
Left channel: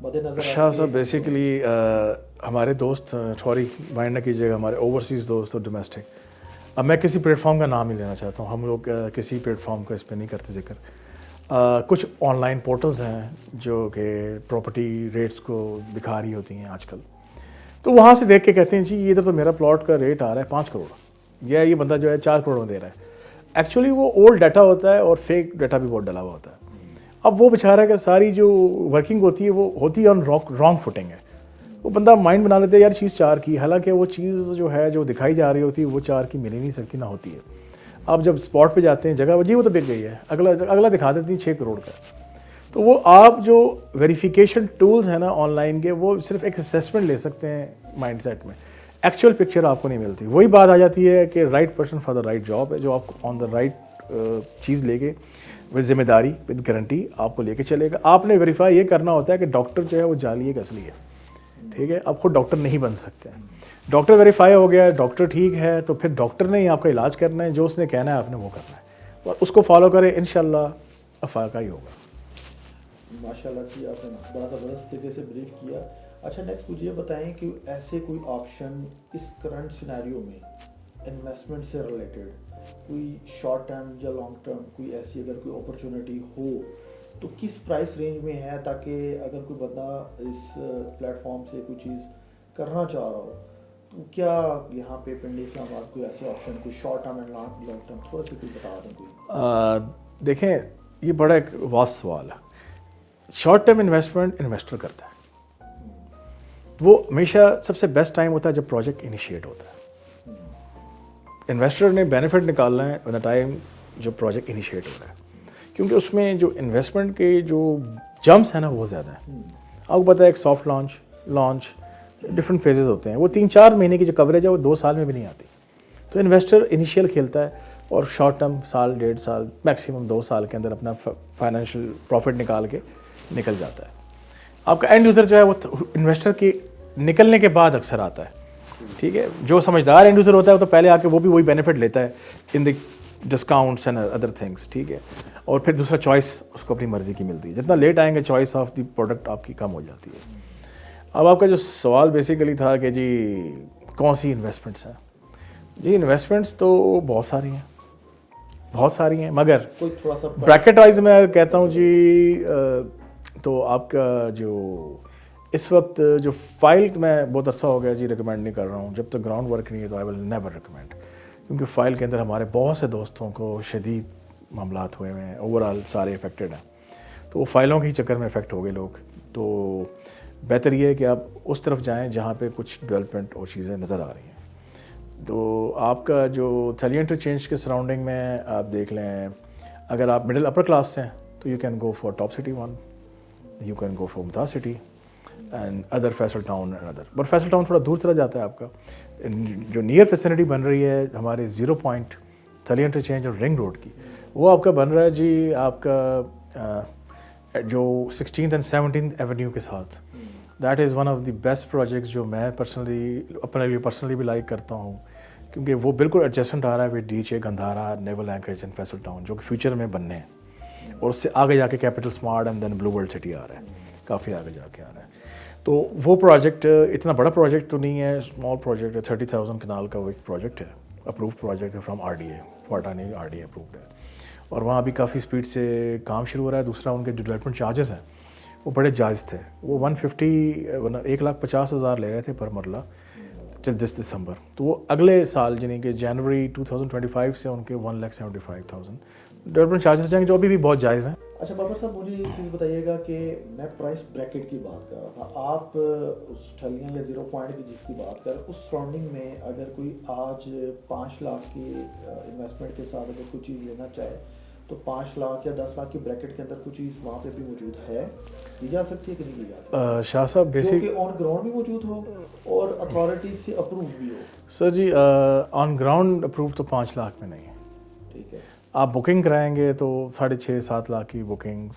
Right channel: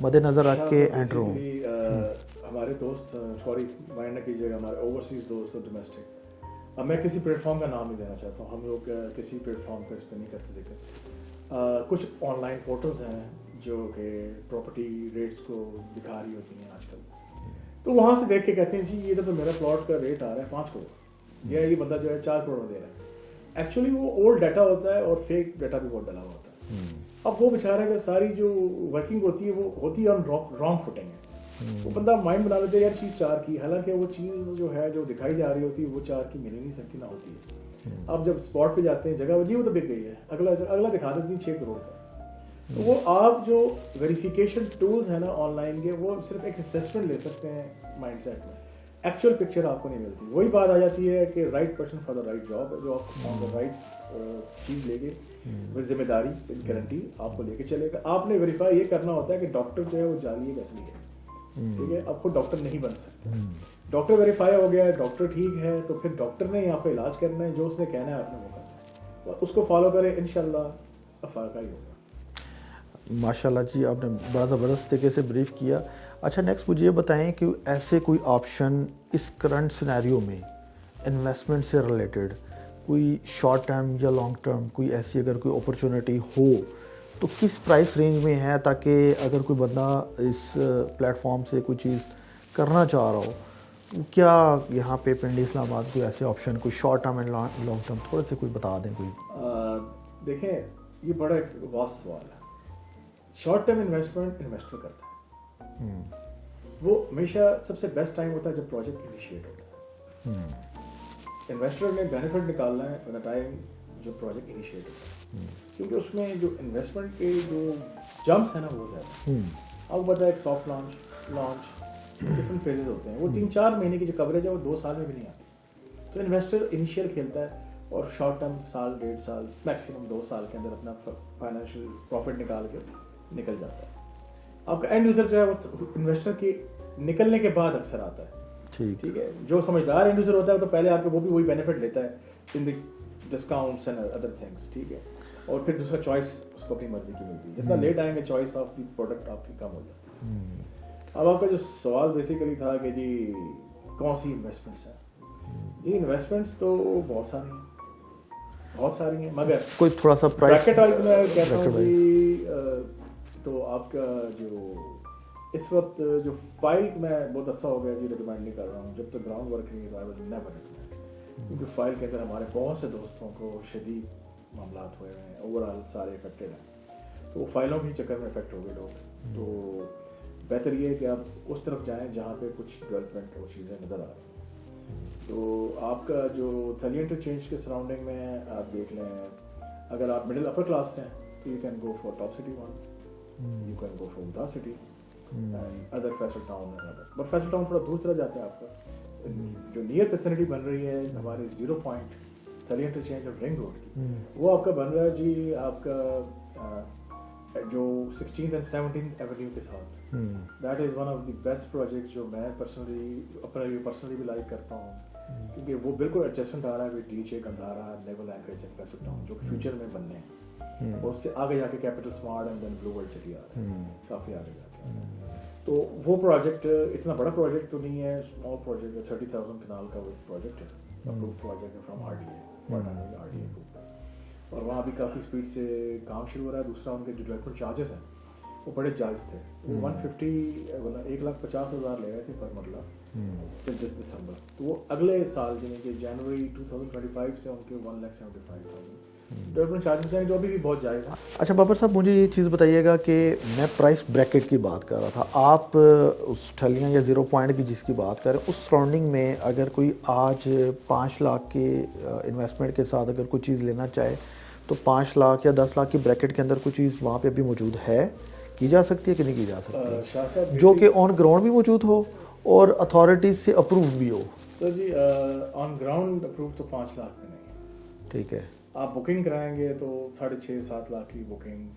مد نظر رکھ کے. بیسیکلی ہمارے دوست سوری مائنڈ نہ کیجیے گا, ہمارے اوورسیز دوست اور ڈومیسٹک, اب میں کسی پلیٹ فارم کا نام نہیں لینا چاہتا ہوں, ہم لوگ کسی پلیٹ فارم کا اس پہ نہیں کرتے ذکر. کچھ آن لائن پورٹلز ہیں جو کہ پراپرٹی ریٹس کو دکھا رہی ہوتی ہیں آج کل, تو وہاں سے دیکھ کے کہتے ہیں جی یہ تو میرا پلاٹ کا ریٹ آ رہا ہے 5 کروڑ, یا یہ بندہ جو ہے 4 کروڑ میں دے رہا ہے. ایکچولی وہ اولڈ ڈیٹا ہوتا ہے اور فیک ڈیٹا بھی بہت ڈلا ہوا ہوتا ہے. اب وہ بیچارہ کہ ساری جو ورکنگ ہوتی ہے وہ ہوتی ہے آن رانگ فوٹنگ ہے. وہ بندہ مائنڈ بنا لیتا ہے یار چیز 4 کی, حالانکہ وہ چیز جو ہے جو دکھائی جا رہی ہوتی ہے وہ 4 کی مل ہی نہیں سکتی, نہ ہوتی ہے. آپ جب اسپاٹ پہ جاتے ہیں جگہ جی وہ تو بک گئی ہے, اگلا دکھا دیتی ہے 6 کروڑ کا. تو وہ آپ جو ویریفیکیشن ٹولز ہیں نا آن لائن کے, وہ صرف ایک اسیسمنٹ لے سکتے ہیں مائنڈ سیٹ میں, ایکچوئل پکچر آپ کو نہیں ملتی. وہی بات آ جاتی ہے کہ right person for the right job ہے, جو آپ کو آن دا رائٹ چیز لے کے وہ ذمہ داری ود گارنٹی آپ کو لے کے چلے گا. آپ نے ویریفائی یہ کرنا ہوتا ہے کہ ڈاکٹر جو ہے وہ جعلی ہے کہ اصلی ہے. ٹھیک ہے, آپ خود ڈاکٹر نہیں بن سکتے. ڈاکٹر ویریفائی ہو گیا, ڈاکٹر ٹھیک ہے, تو پھر ڈاکٹر نے ہی آپ کا علاج کرنا ہے, جو اس نے کہنا ہے آپ نے وہ کرنا ہے, اور اس کو فالو کریں, انشاءاللہ افاقہ ہی ہوگا. ماشاءاللہ جی, آپ نے بڑا زبردست طریقے سے بریف کیا. اچھا نیکسٹ مجھے یہ بتائیں کہ ایسے کوئی آپشن اس کرنٹ سینیریو میں انویسٹمنٹ سے ریلیٹڈ, کوئی شارٹ ٹرم یا لانگ ٹرم, کوئی ایسی اگر کوئی اپرچونٹی ہو تو کس پرائس رینج میں ہے, تاکہ اگر کوئی بندہ اس پلیٹ فارم سے کوئی چیز کرنا چاہ رہا ہو, کیا یہاں پہ پنڈی اسلام آباد کوئی ایسے آپشن, کوئی short term and long term تھوڑا سا کوئی بتا دیں کوئی. دیکھیں یہ بڑا ایک واس سوال ہے. شارٹ ٹرم انویسٹمنٹ انویسٹر کرتا ہے, وہ ہمیشہ سب سے بیسٹ ٹائم ہوتا ہے جب پروجیکٹ انیشیٹ ہوتا ہے. انویسٹر نے بینیفٹ نکالنا ہے ود دا ٹائم جو پروجیکٹ انیشیٹ ہوتا ہے, کیونکہ اس میں جو انویسٹمنٹ کے جو جمپس ہیں نا وہ زیادہ ہیں. آپ کو پتہ ہے ایک سافٹ لانچ ڈفرینٹ فیزز ہوتے ہیں, وہ 3-4 مہینے کی جو کوریج ہے وہ 2 سال میں بھی نہیں آتی. تو انویسٹر انیشیل کھیلتا ہے اور شارٹ ٹرم 1.5 سال میکسیمم 2 سال کے اندر اپنا فائنینشیل پروفٹ نکال کے نکل جاتا ہے. آپ کا اینڈ یوزر جو ہے وہ انویسٹر کی نکلنے کے بعد اکثر آتا ہے. ٹھیک ہے, جو سمجھدار اینڈ یوزر ہوتا ہے وہ تو پہلے آ کے وہ بھی وہی بینیفٹ لیتا ہے ان دی ڈسکاؤنٹس اینڈ ادر تھنگس. ٹھیک ہے, اور پھر دوسرا چوائس اس کو اپنی مرضی کی ملتی ہے. جتنا لیٹ آئیں گے چوائس آف دی پروڈکٹ آپ کی کم ہو جاتی ہے. اب آپ کا جو سوال بیسیکلی تھا کہ جی کون سی انویسٹمنٹس ہیں, جی انویسٹمنٹس تو بہت ساری ہیں, مگر کوئی تھوڑا سا بریکٹ وائز میں کہتا ہوں جی, تو آپ کا جو اس وقت جو فائل میں بہت عرصہ ہو گیا جی ریکمینڈ نہیں کر رہا ہوں, جب تک گراؤنڈ ورک نہیں ہے تو آئی ول نیور ریکمینڈ, کیونکہ فائل کے اندر ہمارے بہت سے دوستوں کو شدید معاملات ہوئے ہیں, اوور آل سارے افیکٹڈ ہیں. تو وہ فائلوں کے ہی چکر میں افیکٹ ہو گئے لوگ. تو بہتر یہ ہے کہ آپ اس طرف جائیں جہاں پہ کچھ ڈیولپمنٹ اور چیزیں نظر آ رہی ہیں. تو آپ کا جو سیلی انٹرچینج کے سراؤنڈنگ میں آپ دیکھ لیں, اگر آپ مڈل اپر کلاس سے ہیں تو you can go for top city 1, you can go for Mumtaz city and other Faisal town and other. But Faisal town تھوڑا دور چلا جاتا ہے. آپ کا جو نیئر فیسلٹی بن رہی ہے ہمارے 0 پوائنٹ تھلی انٹرچینج اور رنگ روڈ کی, وہ آپ کا بن رہا ہے جی آپ کا جو 16th اینڈ 17th ایونیو کے ساتھ. That is one of the best projects جو میں پرسنلی اپنے لیے پرسنلی بھی لائک کرتا ہوں, کیونکہ وہ بالکل ایڈجسٹنٹ آ رہا ہے with D Gandhara, naval encourage and Faisal town, جو کہ فیوچر میں بننے ہیں, اور اس سے آگے جا کے Capital Smart and then Blue World City آ رہا ہے, کافی آگے جا کے آ رہا ہے. تو وہ پروجیکٹ اتنا بڑا پروجیکٹ تو نہیں ہے, اسمال پروجیکٹ ہے, 30,000 کنال کا وہ ایک پروجیکٹ ہے, اپرووڈ پروجیکٹ ہے فرام RDA, واٹانی RDA اپرووڈ ہے, اور وہاں بھی کافی اسپیڈ سے کام شروع ہو رہا ہے. دوسرا ان کے جو ڈیولپمنٹ چارجز ہیں وہ بڑے جائز تھے, وہ 1,50,000 لے رہے تھے پر مرلہ ٹل دس دسمبر. تو وہ اگلے سال یعنی کہ جنوری 2025 سے ان کے 1,75,000 ڈیولپمنٹ چارجز جائیں گے, جو ابھی بھی بہت جائز ہیں. اچھا بابر صاحب, مجھے یہ چیز بتائیے گا کہ میں پرائس بریکٹ کی بات کر رہا تھا, آپ اس ٹھلیاں یا 0 پوائنٹ کی جس کی بات کریں اس سراؤنڈنگ میں اگر کوئی آج 5 لاکھ کے انویسٹمنٹ کے ساتھ اگر کوئی چیز لینا چاہے تو 5 لاکھ یا 10 لاکھ کی بریکٹ کے اندر کوئی چیز وہاں پہ بھی موجود ہے, کی جا سکتی ہے کہ نہیں کی جا سکتی؟ شاہ صاحب جو کہ آن گراؤنڈ بھی موجود ہو اور اتھارٹیز سے اپروو بھی ہو. سر جی آن گراؤنڈ اپروو تو 5 لاکھ میں نہیں ہے. ٹھیک ہے, آپ بکنگ کرائیں گے تو 6.5-7 لاکھ کی بکنگس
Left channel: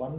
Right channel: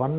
1